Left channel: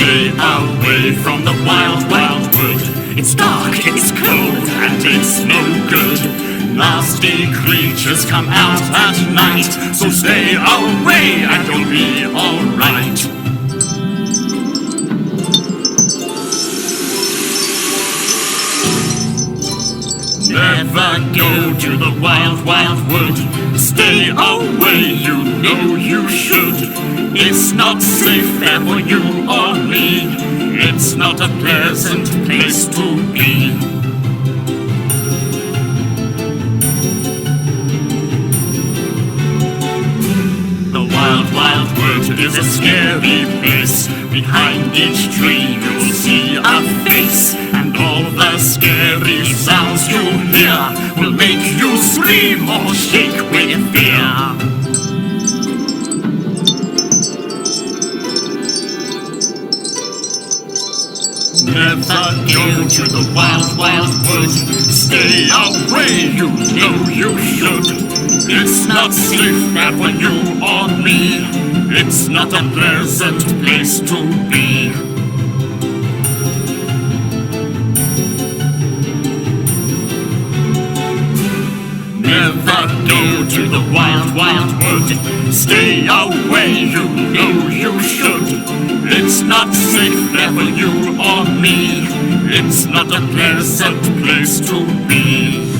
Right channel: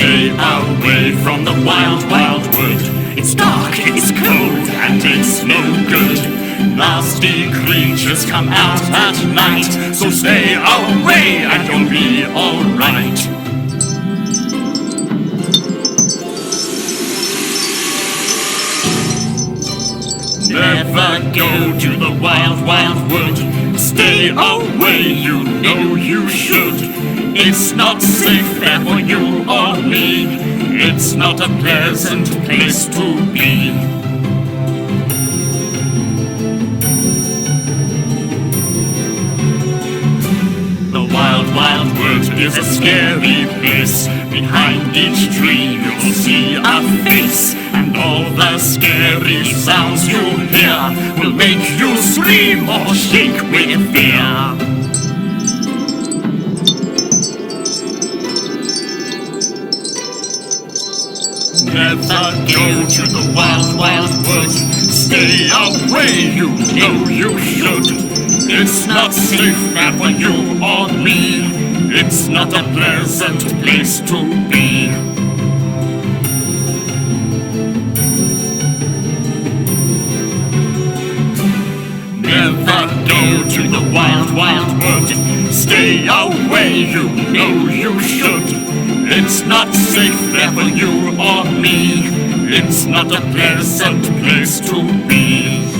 Stay away from the wild, wild wood. It's dark, it's cold, and it's no good. Nasty creatures come out at night, so stay away and you'll be alright. Never go to the wild, wild wood. Stay away, you know you should. It's not safe there for you or me. It's not a pleasant place to be. The wild, wild wood is a scary place. Behind each tree you'll see a face, and all the scary sounds you hear will make you scream or shake with fear. Never go to the wild, wild wood. Stay away, you know you should. It's not safe there for you or me. It's not a pleasant place to be. Never go to the wild, wild wood. Stay away, you know you should. It's not safe there for you or me. It's not a pleasant place to be.